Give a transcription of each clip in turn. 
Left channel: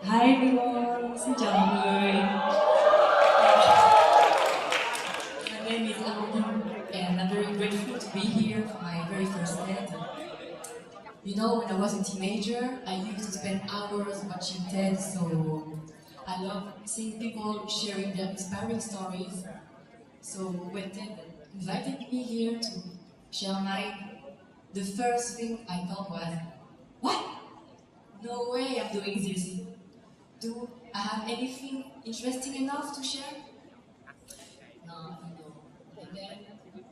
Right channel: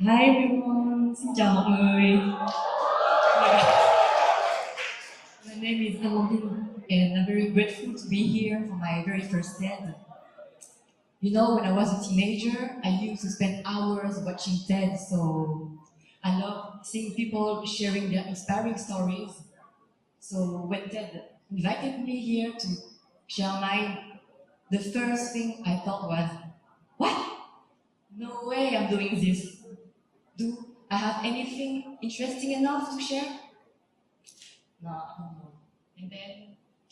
Hi everyone, xin chào mọi người. My name is Amandine and I'm very grateful to be here for my very first TED. You know, when I was a teenager, I used to spend hours watching TED, so I love seeing people sharing their inspiring stories. So when TED invited me here to share mine, the first thing I thought was, what? No way I'm doing this. Do I have anything interesting enough to share? No, no. And then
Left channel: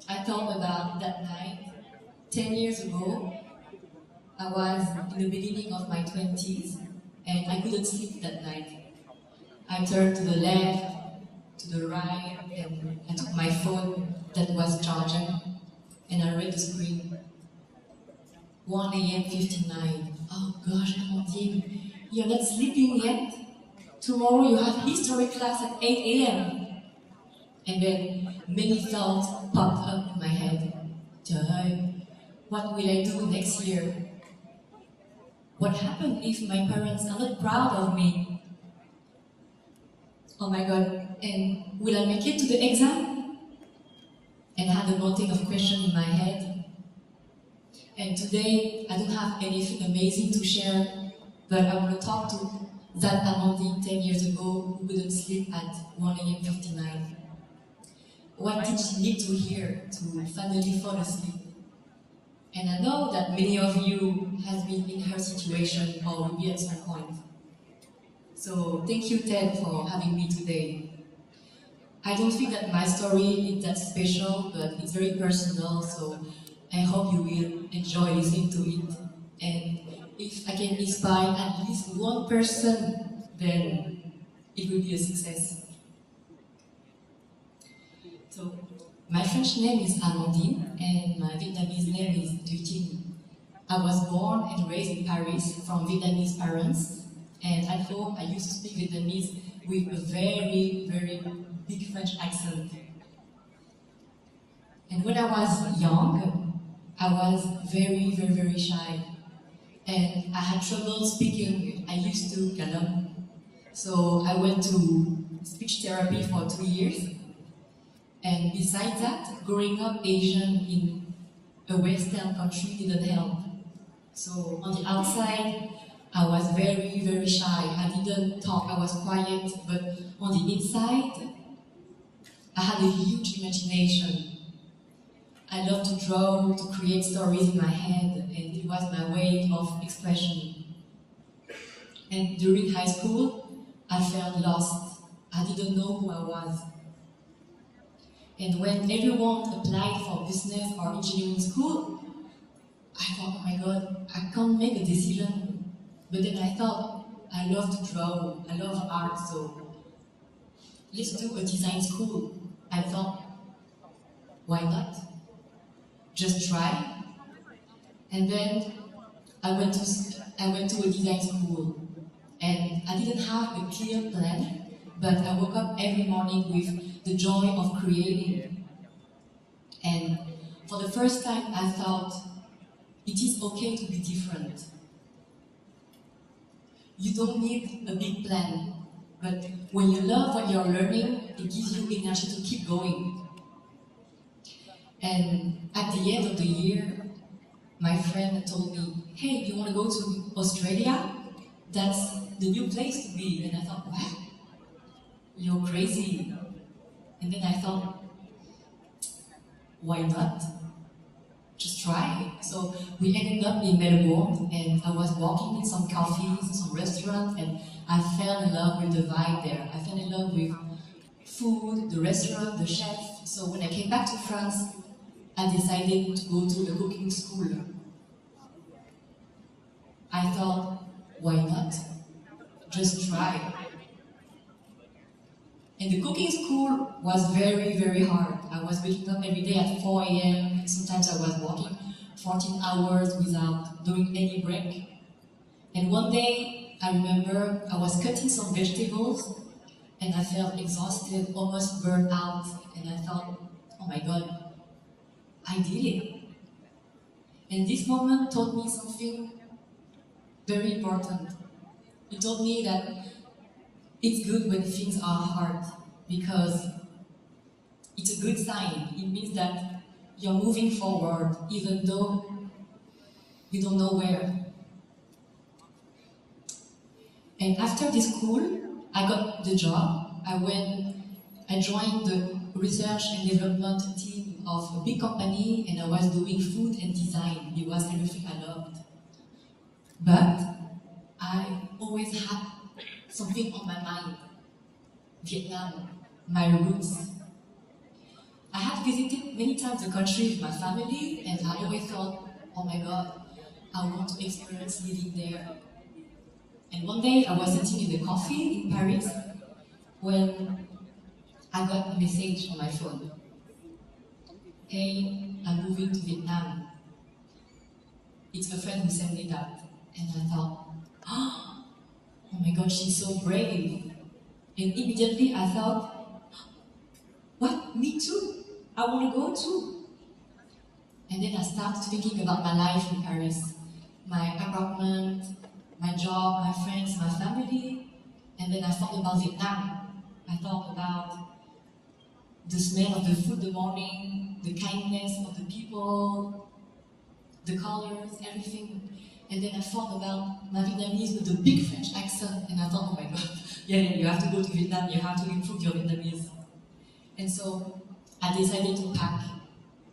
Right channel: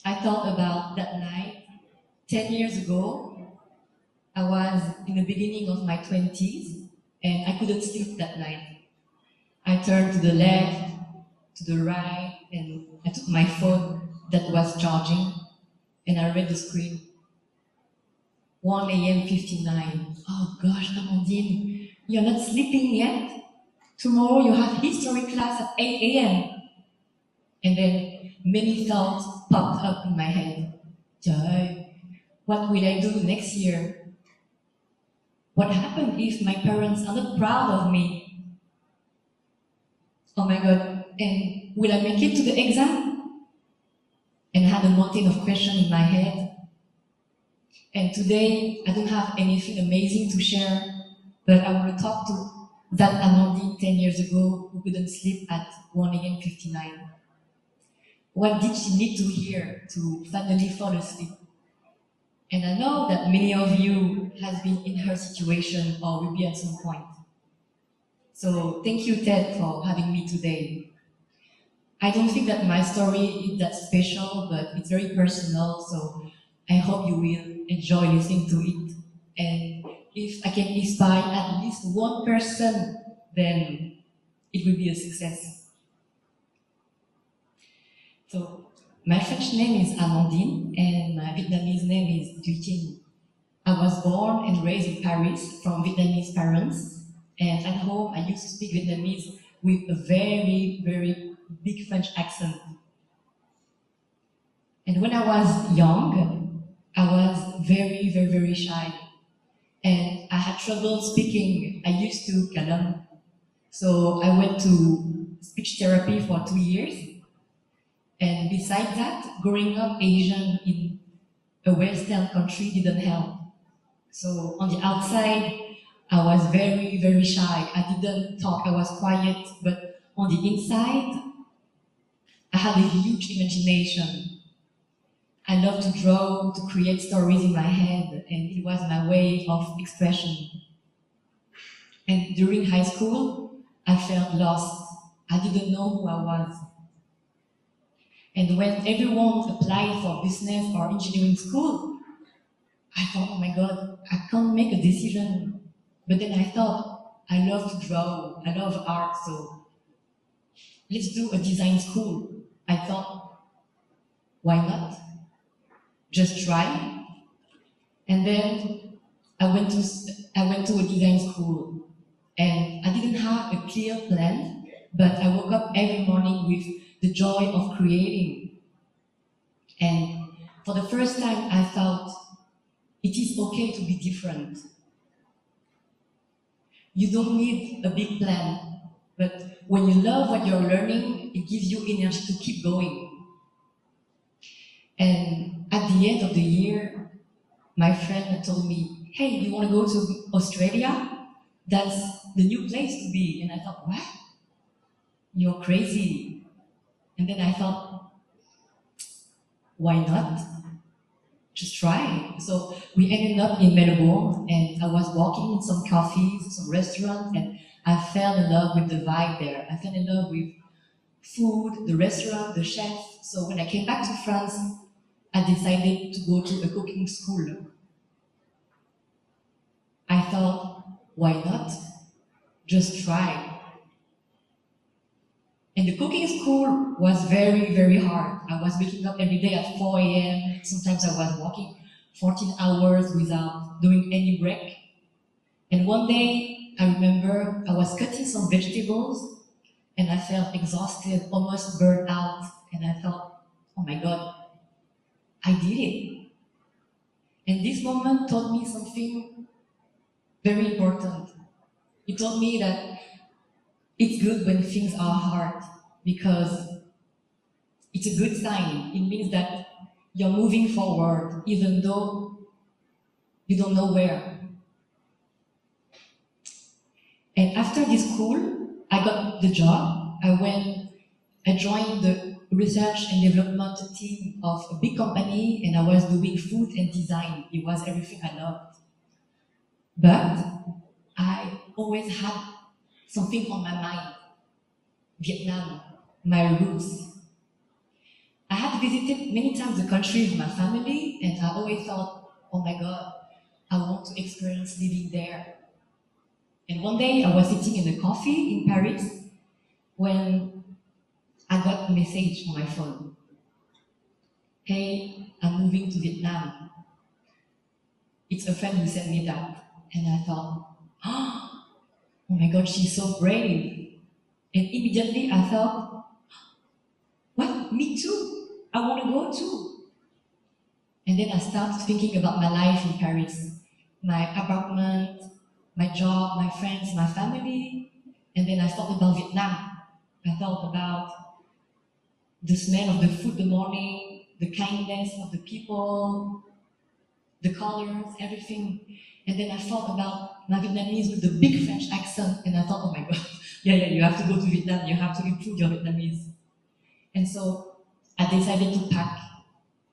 I thought about that night 10 years ago. I was in the beginning of my 20s and I couldn't sleep that night. I turned to the left, to the right, and I took my phone that was charging and I read the screen. 1 a.m. 59. Oh gosh, Amandine, you're not sleeping yet? Tomorrow you have history class at 8 a.m. And then many thoughts popped up in my head. Trời ơi, what will I do next year? What happened if my parents are not proud of me? Oh my god, and will I make it to the exam? And had a mountain of questions in my head. And today, I don't have anything amazing to share, but I want to talk to that Amandine 10 years ago who couldn't sleep at 1 a.m. 59. What did she need to hear to finally fall asleep? And I know that many of you have been in her situation or will be at some point. So thank you, Ted, for having me today. I don't think that my story is that special, but it's very personal, so I hope you will enjoy listening to it. And if I can inspire at least one person, then it will be a success. So my French name is Amandine, and my Vietnamese name is Dutin. I was born and raised in Paris from Vietnamese parents, and at home I used to speak Vietnamese with a very, very big French accent. And when I was young, I was very, very, very shy, and I had trouble speaking. I used to canon. So I went to speech therapy for 2 years, and besides that, growing up Asian in a Western country didn't help. So on the outside, I was very, very shy. I didn't talk, I was quiet, but on the inside, I had a huge imagination. I loved to draw, to create stories in my head, and it was my way of expression. And during high school, I felt lost. I didn't know who I was. And when everyone applied for business or engineering school, I thought, oh my god, I can't make a decision. But then I thought, I love to draw, I love art, so let's do a design school. I thought, why not? Just try. And then I went to a design school, and I didn't have a clear plan, but I woke up every morning with the joy of creating. And for the first time, I thought it is okay to be different. You don't need a big plan, but when you love what you're learning, it gives you energy to keep going. And at the end of the year, my friend told me, hey, do you want to go to Australia? That's the new place to be. And I thought, what? You're crazy. And then I thought, why not? Just try. So we ended up in Melbourne, and I was walking in some cafes, some restaurants, and I fell in love with the vibe there. I fell in love with food, the restaurant, the chef. So when I came back to France, I decided to go to a cooking school. I thought, why not? Just try. And the cooking school was very, very hard. I was waking up every day at 4 a.m. Sometimes I was walking 14 hours without doing any break. And one day, I remember I was cutting some vegetables and I felt exhausted, almost burned out. And I thought, oh my God, I did it. And this moment taught me something very important. It told me that It's good when things are hard because it's a good sign. It means that you're moving forward even though you don't know where. And after this school, I got the job. I joined the research and development team of a big company, and I was doing food and design. It was everything I loved. But I always had something on my mind. Vietnam, my roots. I had visited many times the country with my family, and I always thought, oh my God, I want to experience living there. And one day I was sitting in a coffee in Paris when I got a message on my phone. Hey, I'm moving to Vietnam. It's a friend who sent me that. And I thought, oh my God, she's so brave. And immediately I thought, what? Me too. I want to go too. And then I started thinking about my life in Paris, my apartment, my job, my friends, my family. And then I thought about Vietnam. I thought about the smell of the food in the morning, the kindness of the people, the colors, everything. And then I thought about my Vietnamese with a big French accent, and I thought, oh my God, yeah, you have to go to Vietnam, you have to improve your Vietnamese. And so I decided to pack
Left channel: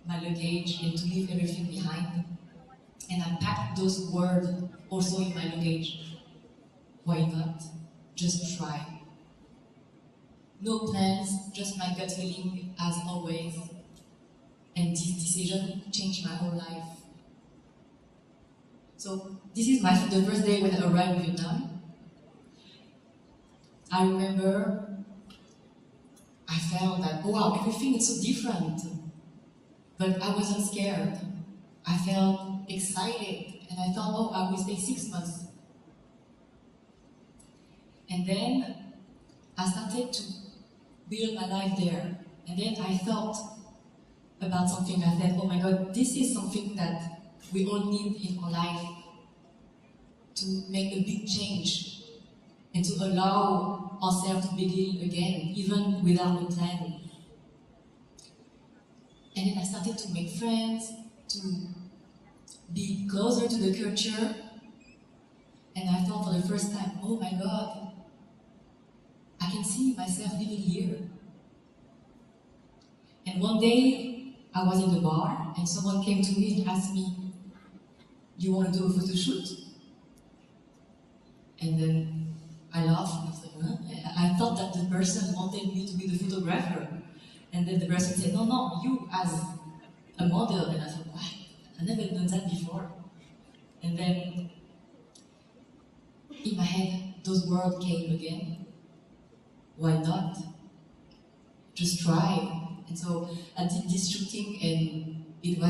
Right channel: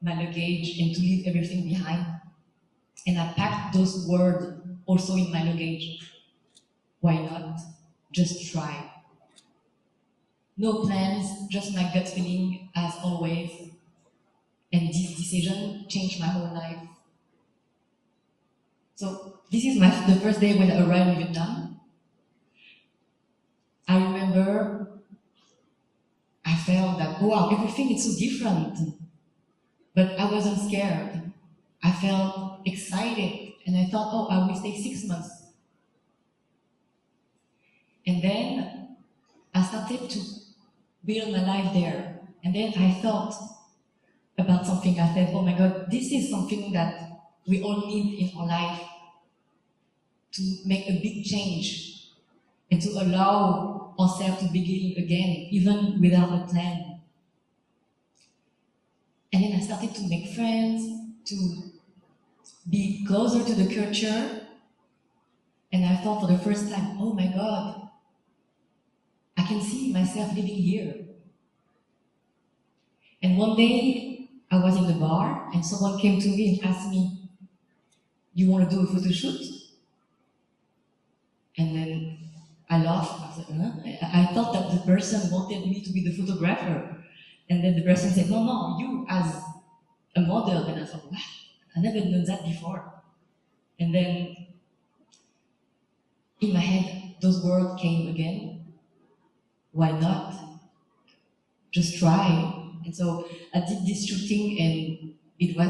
my luggage and to leave everything behind. And I packed those words also in my luggage. Why not? Just try. No plans, just my gut feeling as always. And this decision changed my whole life. So this is the first day when I arrived in Vietnam. I remember I felt that, wow, everything is so different. But I wasn't scared. I felt excited. And I thought, oh, I will stay 6 months. And then I started to build my life there. And then I thought about something. I said, oh my God, this is something that we all need in our life to make a big change and to allow ourselves to begin again, even without a plan. And then I started to make friends, to be closer to the culture. And I thought for the first time, oh my God, I can see myself living here. And one day, I was in the bar, and someone came to me and asked me, you want to do a photo shoot? And then I laughed. I said, huh? I thought that the person wanted me to be the photographer. And then the person said, no, you as a model. And I thought, what? I never done that before. And then in my head, those words came again. Why not? Just try. And so I did this shooting and it was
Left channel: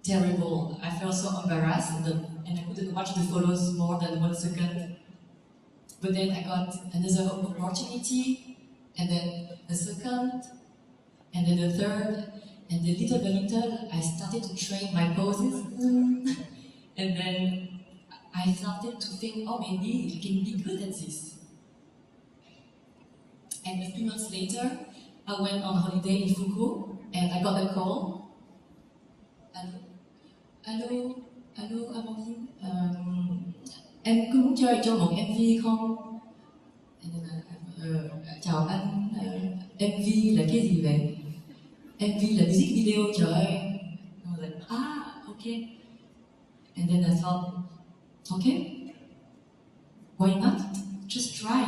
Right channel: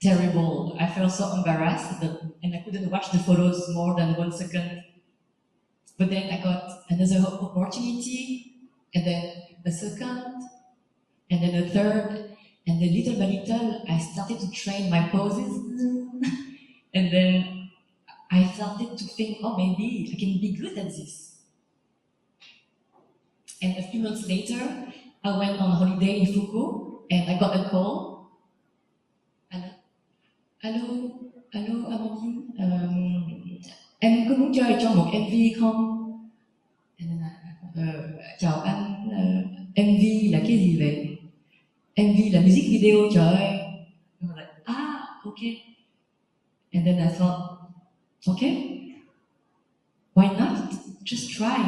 terrible. I felt so embarrassed and I couldn't watch the photos more than 1 second. But then I got another opportunity, and then a second, and then a third, and then little by little I started to train my poses. And then I started to think, oh, maybe I can be good at this. And a few months later, I went on holiday in Foucault, and I got a call. Allô, allô, Amandine. Em có muốn chơi cho một MV không? Chào anh, MV là cái gì vậy? MV là music video trời ơi. And I was like, okay. And then I thought, okay, why not? Just try.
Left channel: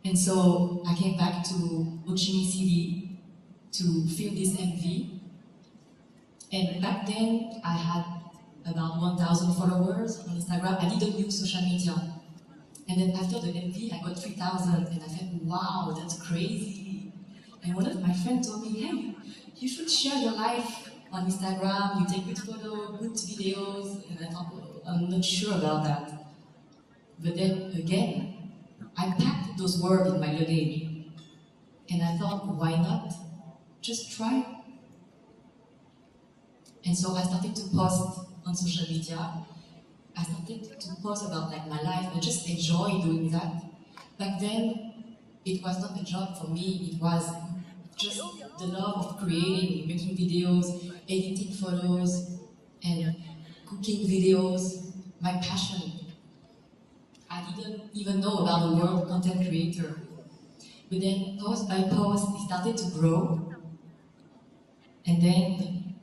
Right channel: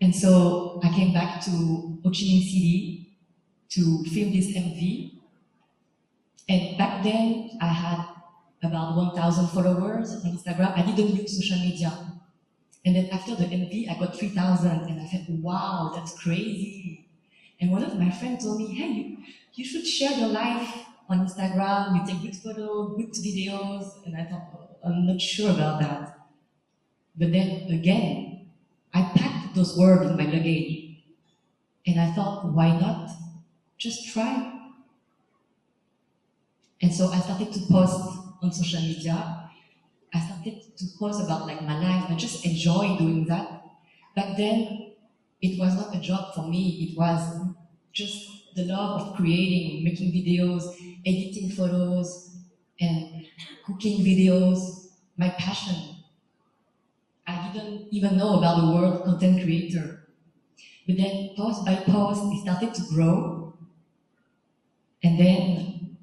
And so I came back to Ho Chi Minh City to film this MV. And back then, I had about 1,000 followers on Instagram. I didn't use social media. And then after the MV, I got 3,000. And I thought, wow, that's crazy. And one of my friends told me, hey, you should share your life on Instagram. You take good photos, good videos. And I thought, I'm not sure about that. But then again, I packed those words in my luggage. And I thought, why not? Just try. And so I started to post on social media. I started to post about like my life and just enjoy doing that. Back then, it was not a job for me, it was just the love of creating, making videos, editing photos, and cooking videos, my passion. I didn't even know about the word content creator. But then, post by post, it started to grow, and then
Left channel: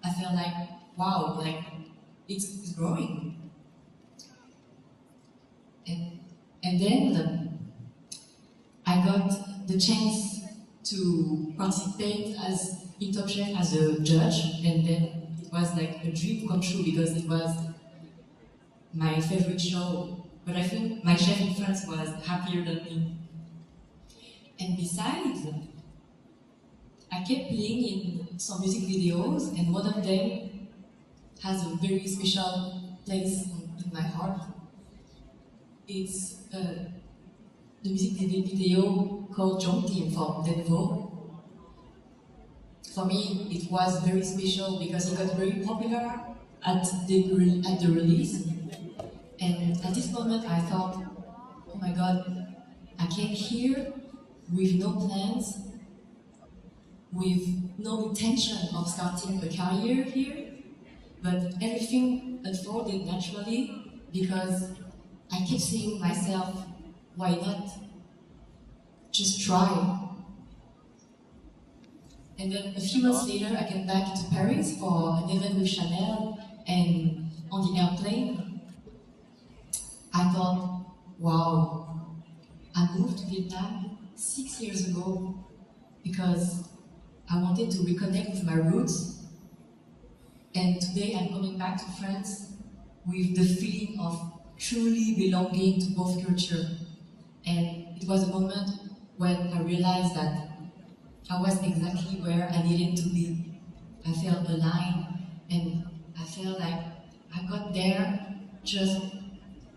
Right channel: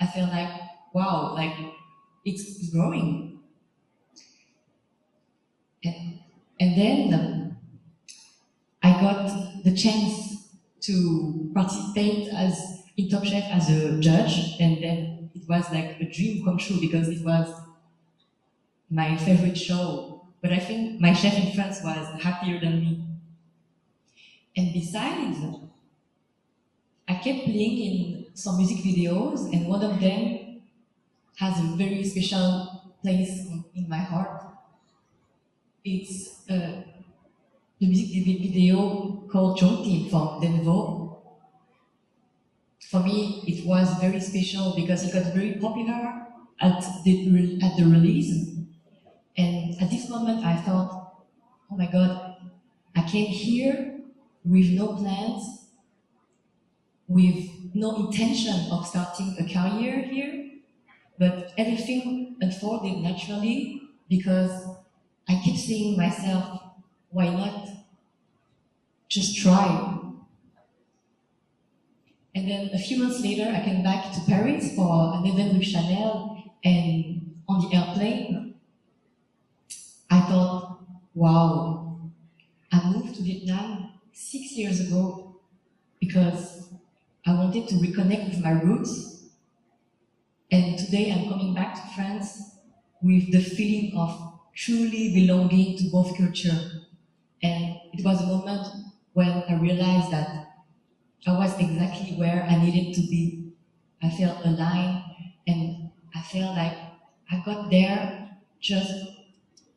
I felt like, wow, like it's growing. And, and then I got the chance to participate as in Top Chef as a judge, and then it was like a dream come true because it was my favorite show. But I think my chef in France was happier than me. And besides, I kept playing in some music videos, and one of them has a very special place in my heart. It's the music video called Jonty from Denver. For me, it was very special because it was very popular at the release. And at this moment, I thought, oh my God, I came here with no plans, with no intention of starting a career here, but everything unfolded naturally because I kept saying myself, why not just try? And then a few months later, I came back to Paris for an event with Chanel, and on the airplane, I thought, wow, I moved to Vietnam 6 years ago because I wanted to reconnect with my roots, and today I'm coming back to France with the feeling of truly belonging to both cultures. And it was a moment when I realized that I was exactly where I needed to be. I felt aligned, and I felt like I got there just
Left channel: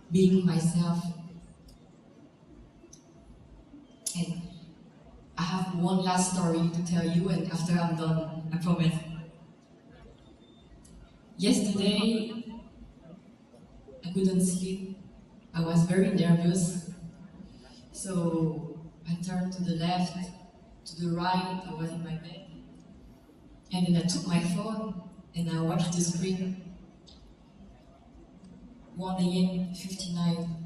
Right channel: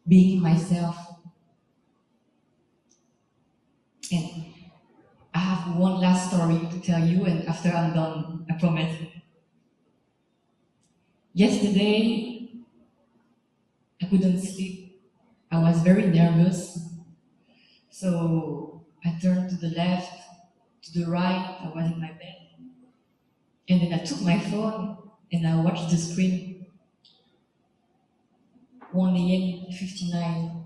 being myself. And I have one last story to tell you, and after I'm done, I promise. Yesterday, I couldn't sleep. I was very nervous. So I turned to the left, to the right, I was in my bed. And then I took my phone and I watched the screen. 1 a.m. 59.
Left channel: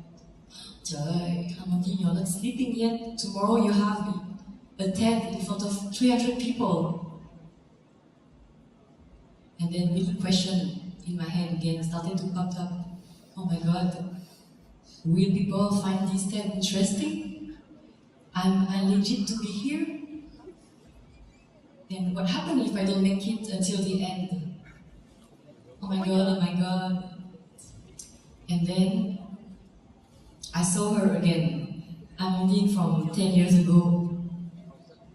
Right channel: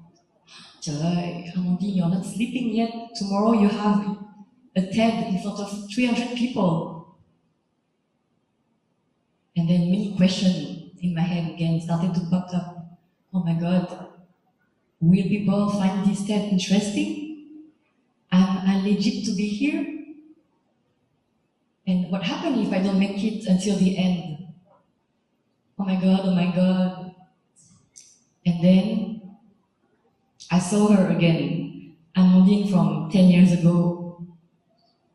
Trời ơi, Amandine, you're not sleeping yet. Tomorrow you have a TED in front of 300 people. And then many questions in my head again started to pop up. Oh my God, will people find this TED interesting? Am I legit to be here? And what happens if I don't make it until the end? Oh my God, oh my God. And then I saw her again, Amandine from 10 years ago,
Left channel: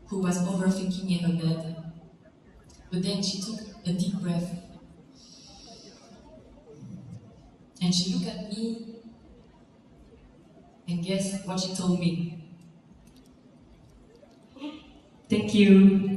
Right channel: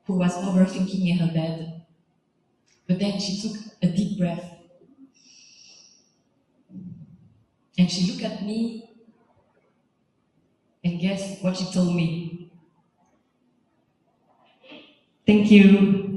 who was overthinking in her bed. But then she took a deep breath and she looked at me, and guess what she told me? Thank you.